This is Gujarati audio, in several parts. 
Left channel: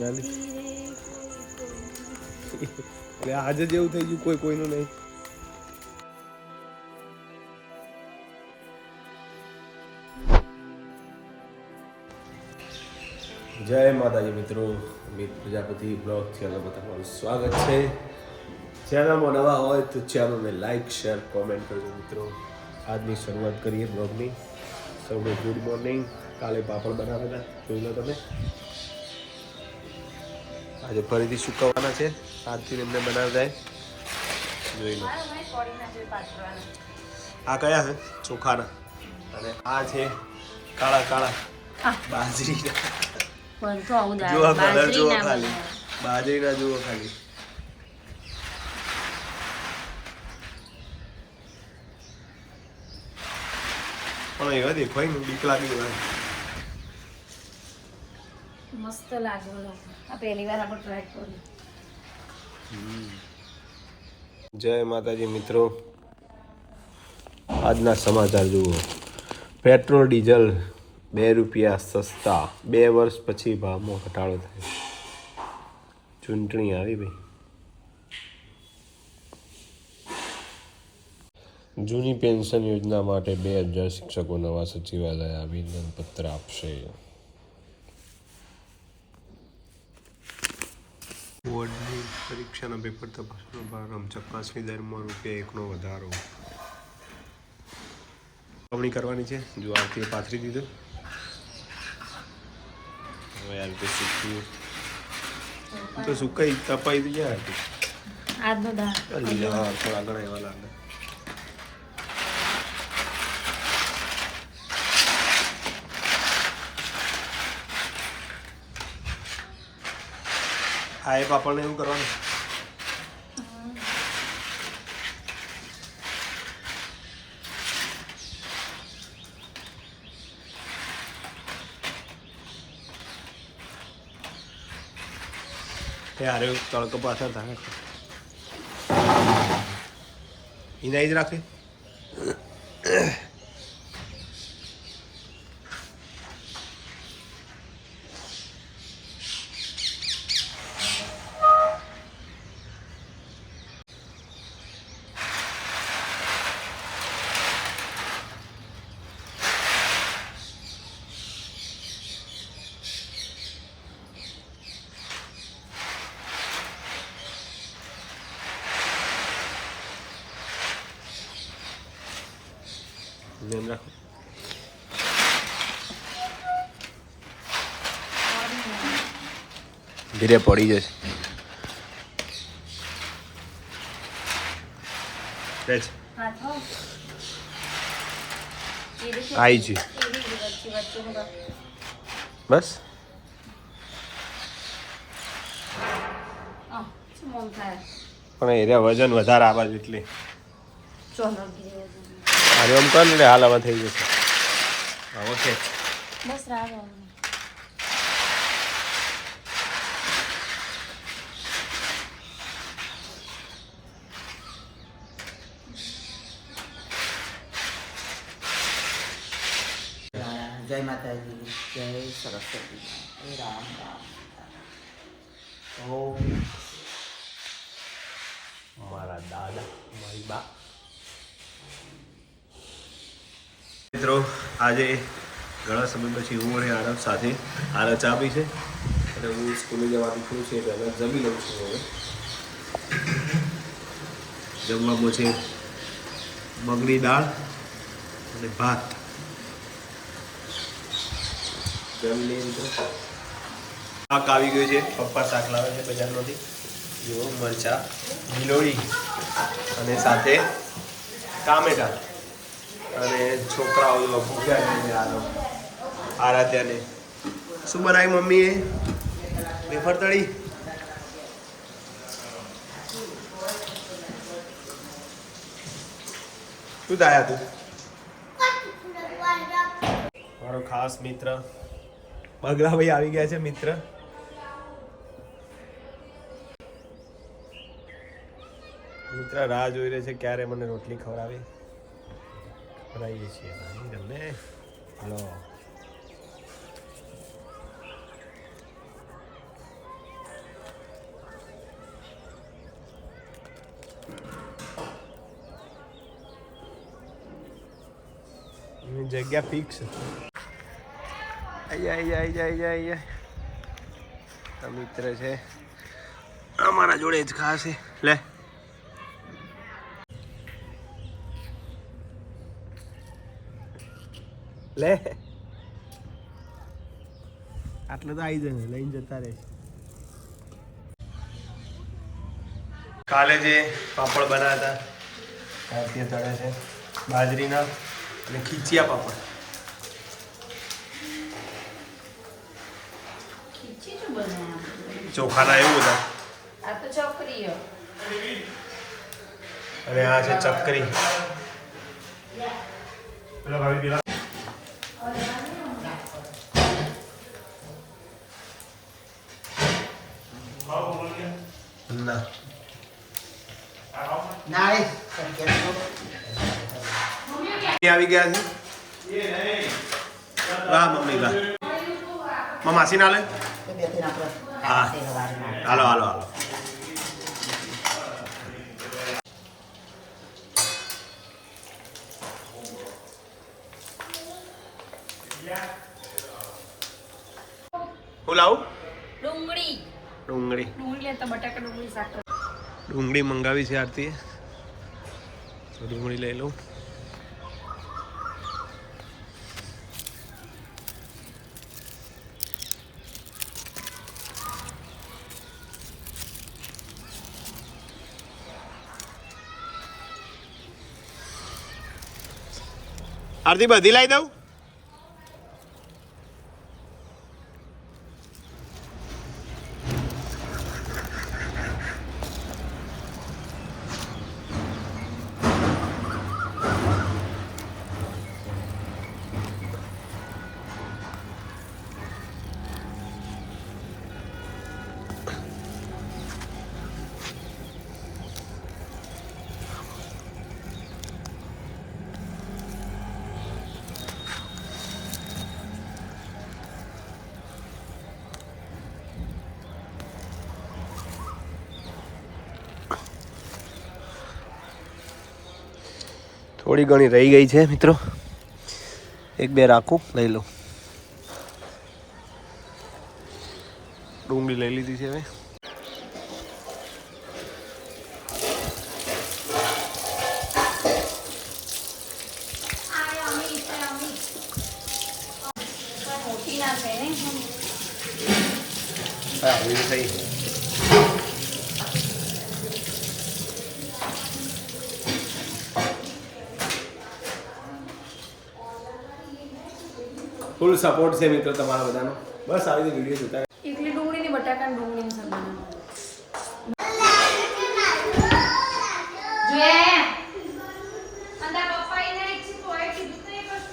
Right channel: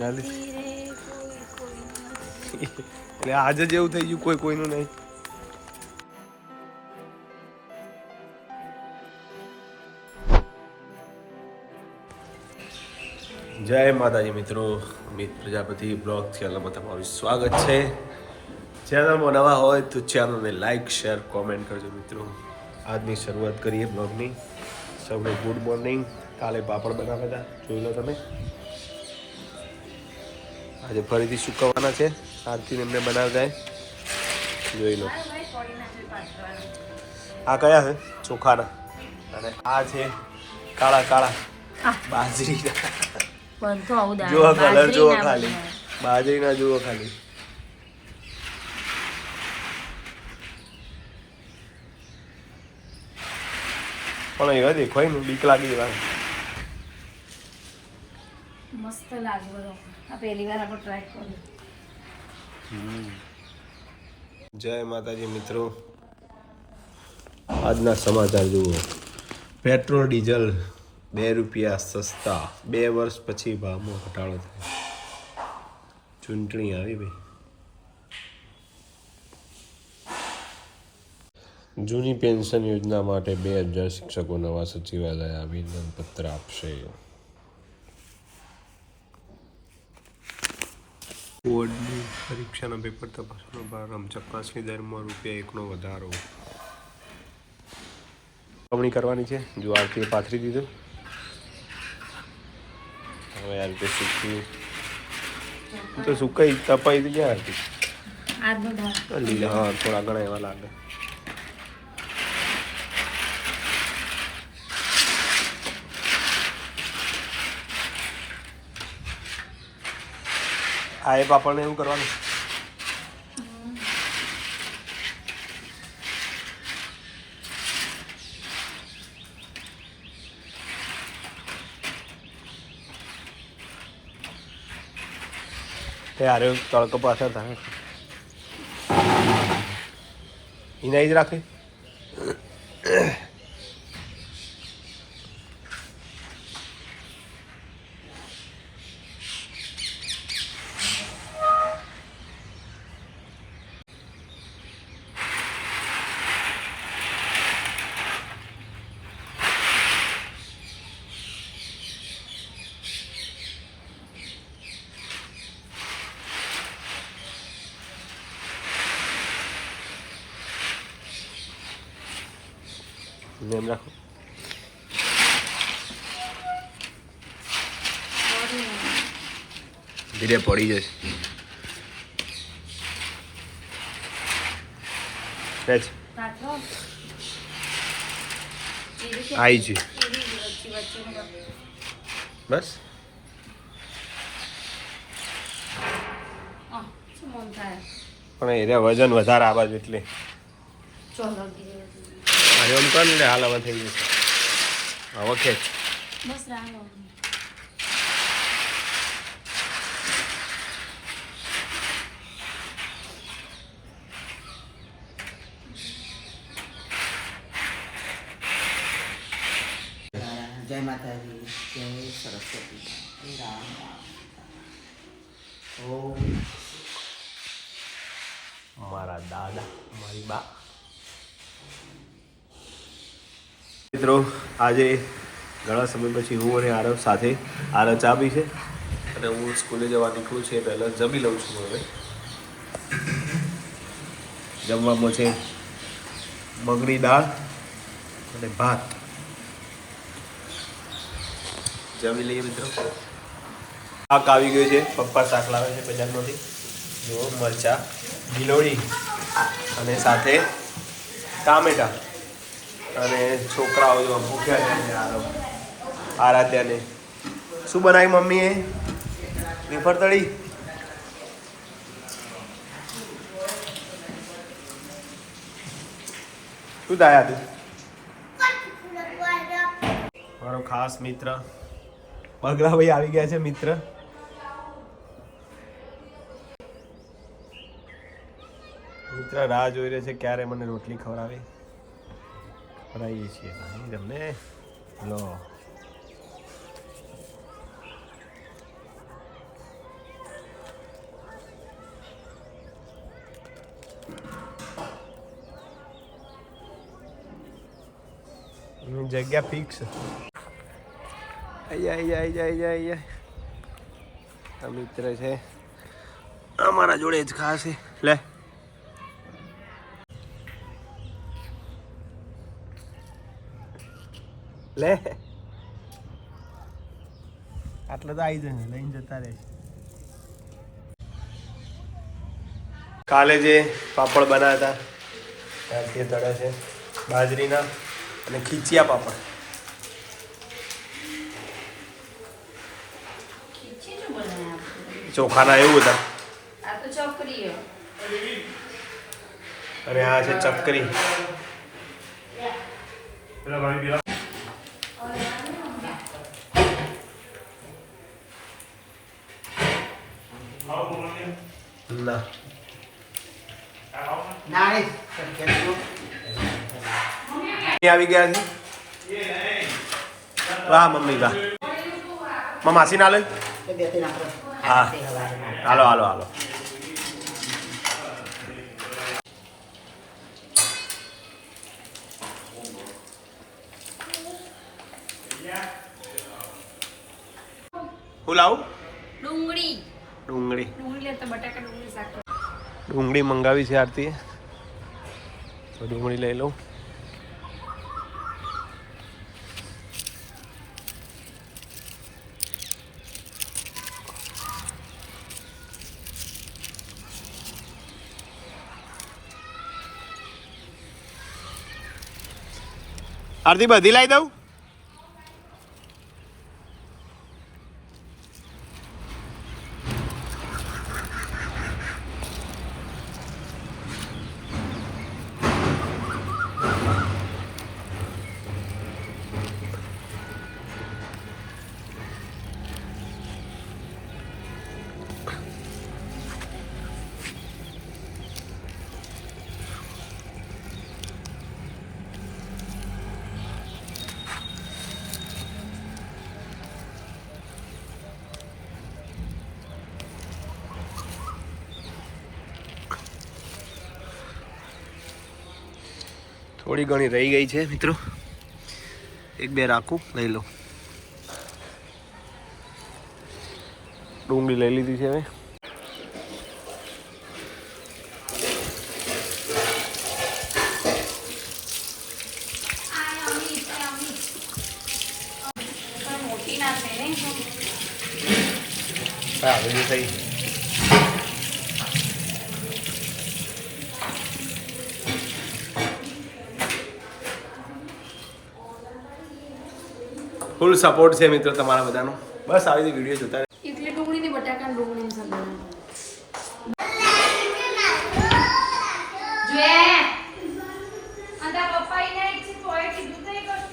ગાલી એટલે આજે જેવું થઈ ગયું કોઈ કોઈનું નહીં. જય માતાજી મિત્રો, અમિત પ્રજાપતિ બ્લોગ ચેનલમાં તમારું સ્વાગત છે. ચેનલમાં નવા હોય તો ચેનલને લાઈક શેર કોમેન્ટ કરજો મિત્રો. આજની શરૂઆત કરીએ બ્લોગની. સૌને ગુડ મોર્નિંગ. કાલે પાપડ બનાવ્યા હતા, જોઈ લો તમે. આજે ફરીથી સુકવવાના છે. આરતીને એમને બનાવી જાય, જોઈ લો. આ કયા છે? ચોખાના. અને આ છે કાળા કાળા બાજરીના. જુઓ કલર જુઓ ખાલી, બાજરીના જુઓ ખાલી. પણ એવા દેખાય ને બીક લાગી એવા. મસ્ત લાગે. આ પહેલી વાર આપણે ટ્રાય કર્યું. જય માતાજી મિત્રો. આજના સમાચાર જુઓ. પેટ્રોલ ડીઝલ 2 રૂપિયા સસ્તા. 2 વર્ષ પછી ભાવમાં ઘટાડો થાય. ચૂંટણી આવી ભાઈ. જૂની પેન્શન યોજના માટે 2000 શિક્ષકો નવા સચિવાલય આવેદનપત્ર આપશે. બોર્ડની પરીક્ષાના પેપર તપાસવાનો પ્રારંભ. ચકાસણી દરમાં ₹1નો વધારો. ચૂકવણી કરવાની છે. જો આરતીએ પાથરી દીધું. હવે આ રીતે સૂકવ્યું તો સુકાઈ તપાઈ તો જાય હતી. લીલા હા થોડા ઘણા એવા લાગે. આ એ પાપડને એવું કરવાનું. યાર તડકો પાછળ થાય એના જ રાખે. એમ રાખો. ધીરે પડી જશે. આઈ છે બસ. પણ એને વજન વધારે આવે છે એટલે અરે આમ કર ને હાલ હવે થઈ જશે. હવે ખેંચ. જય માતાજી, જય સરસ્વતી, જય રામ રામ. મારા દાદા મારી બા. મિત્રો આજે ઘણા સમય પછી હું અને આરવ સાથે આરવ ચા પી છે અને હું સ્કૂલે જવા નીકળું છું. પહેલાં જમી લઉં છું. હવે જમવામાં છે મગની દાળ અને ભાત. જમી લઈએ મિત્રો. શાક આવી ગયું છે. પપ્પા શાક લાવે છે બજારમાંથી. જુઓ મરચાં, ગીલોળી અને સાથે ટામેટા. અને છોકરાઓ જો ભૂખ્યા છે. આરાધ્યાને શું બનાવી મમ્મીએ? વેફર તળી. શું થાય તું? મારો ખાસ મિત્ર પગલાભાઈ આવી ગયા છે. મિત્ર રાહ જોઈ રહે છે ક્યારે મને રોટલી ખવડાવે. બનાવીએ છીએ તમને. લો જગ્યા ફિક્સ. આઈ મિત્ર છે અમારા જોડે જ ખાશે. લે લે આટલા તો આવી જાય ને લઈને જતા રહે. કાલે જે પાપડ બનાવ્યા હતા તે તળે છે બાજરીના અને ખીચિયા પાપડ. ચોખાના એવું હતા. આ તો ચોકરીઓ અને આ છે ચકરી. ના નાળી આવી ગયા છે. વાહ મમ્મી વાહ. માસી ના લે. હા હાલો હાલો હાલો. હું લાવું? ડુંગળી ડુંગળી લેતા બટાકા ડુંગળી શાક. ડુંગળી મંગાવી છે આરતીએ, તો ડુંગળી લઈ લઉં. આરતી બધી લાવી દઉં? થોડી ઘણી રહી ગઈ છે મિત્રો, એક બે રાખું લઈ લઉં. ડુંગળી લઈ લીધી છે હવે. મોટી ના છે ને હા એ થઈ. ફૂલ સપોર્ટ છે મિત્રો તમારા બધાનો. બસ આવી રીતે વિડીયો જોતા એટલે ડુંગળી ની બટાકા ને ડુંગળી ની સબ્જી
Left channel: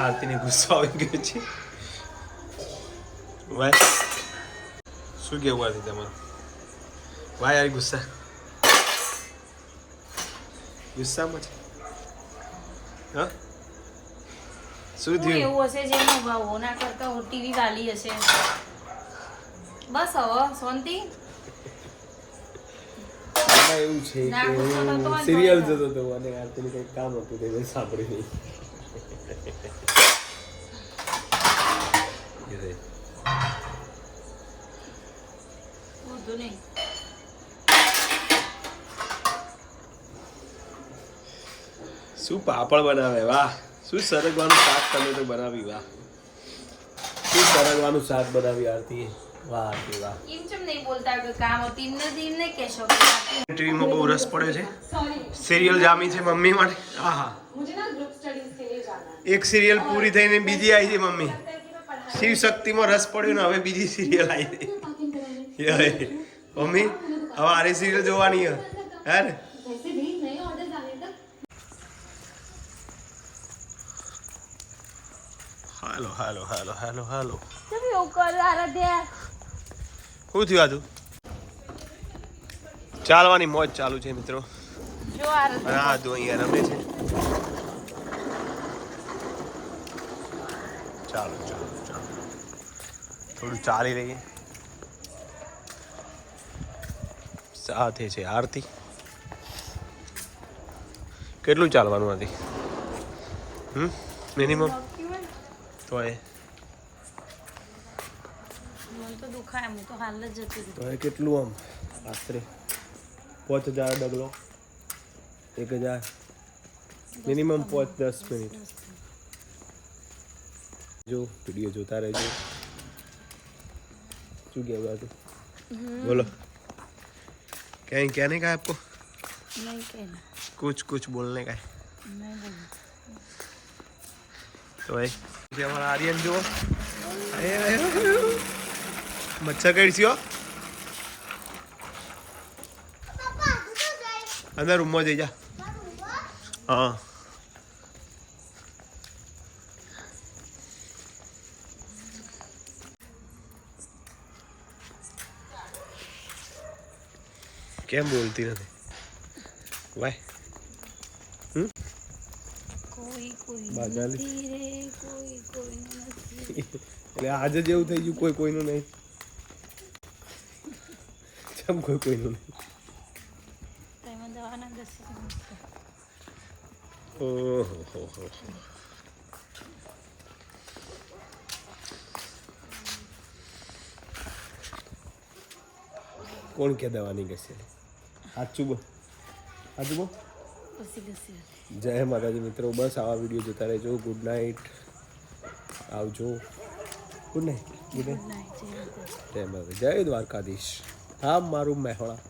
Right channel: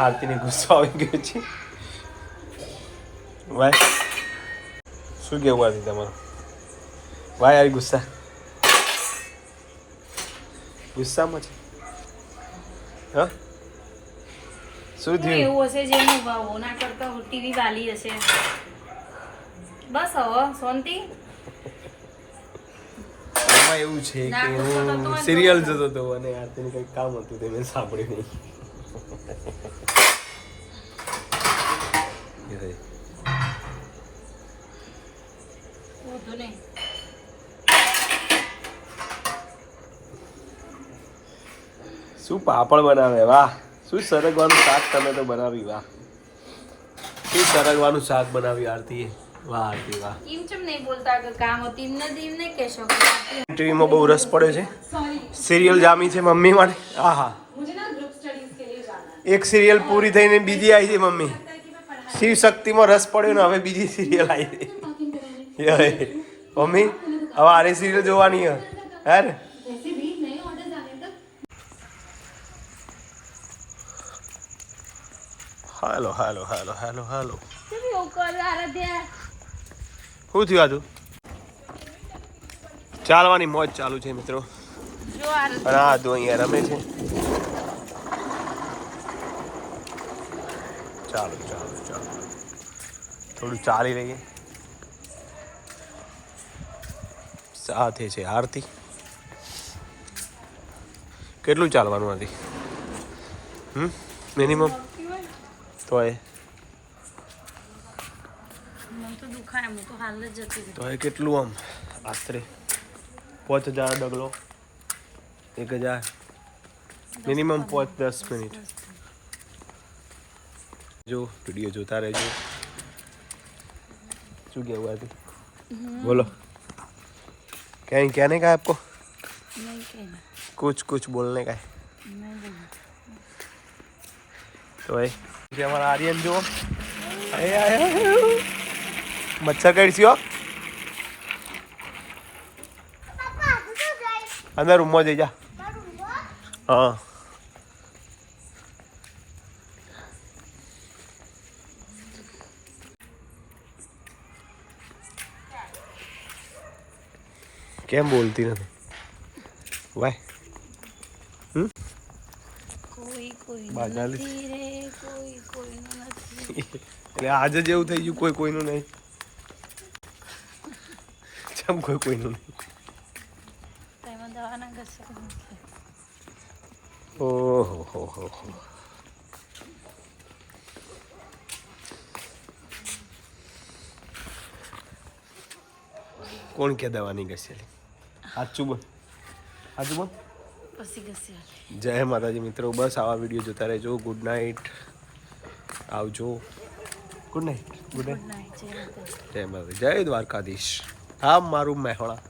આરતીને ગુસ્સો આવી ગયો છે. ભાઈ શું કેવું આરતી તમારું? ભાઈ આવી ગુસ્સામાં છે. હા શું થયું? એવું હશે જેનું ભાવ ના કરતા ટીવી વાલી હશે. બસ હવે શાંતિ. એમાં એવું છે કે હું સિરિયલ જોતો હતો અને આરતીને કંઈક કામ હતું તે મેં સાંભળ્યું નહીં. વધુ નહીં. શું પાપડ બનાવે, વાહ! શું સરગવાનું શાક તમે તો બનાવી, વાહ! શું સરગવાનું શાક બનાવી આરતીએ, વાહ આરતી વાહ! એમ ચમ નહીં બોલતા કે કામ હતી એમને દીન નહીં કહેશો. ટીવીમાં બહુ રસ પડ્યો છે, સિરિયલ જામી છે મમ્મી માટે. હા હા, એક સિરિયલ પૂરી થઈને બીજી આવી છે મમ્મી. શિવ શક્તિમાં રસ પડ્યો ને હવે બીજી સિરિયલ આવી છે મમ્મી. હવે આરી સિરિયલ જોવાની હે ને? હાલો હાલો હાલો હાલો હાલો. એવું કરે આરાધ્યા. શું થયું આતું? ચાલવાની મોજ ચાલુ છે મિત્રો. અને આ તો અહીંયા રમે છે. ચાલો ચાલો ચાલો, થોડું ચાલી રહીએ. સાથે છે આરતી. કેટલું ચાલવાનું હતી? મિનિમમ તોય મને તો દુખાય હું તો હાલ જ જતી હતી. તોય કેટલું આમ આશરે 5000 ડગલો 1000 મિનિમમ 5-10 મિનિટ. જો વિડીયો જોતા રહેજો. શું કહેવું આજે બોલો क्या नहीं कहा आपको નહીં કે कुछ बोलने का है નહીં બોલું. तो भाई ये हमारा आर्यन जो आया मच्छर कैसी हो अंदर रूम में जा हाँ કેમ બોલતી નથી વાય કોઈ કોઈ બાગાલી. નથી રે કોઈ કોઈનું નથી. એટલે આજે જ એવું થઈ ગયું કોઈ કોઈનું નહીં ચમ કોઈ કોઈનું નહીં તેમાં દવાના ઘસે નથી. ઓહો હો હો હો કોણ કે દવાની ઘસેલી સાચું બોલ સાચું બોલ. પછી ઘસે જય માતાજી મિત્રો બસ આવા વિડીયો જોતા રહેજો. ગુડ નાઇટ આવજો. Good night good night good night. જય માતાજી. જય માતા જય દ્વારકાધીશ. હા મારું મહેણા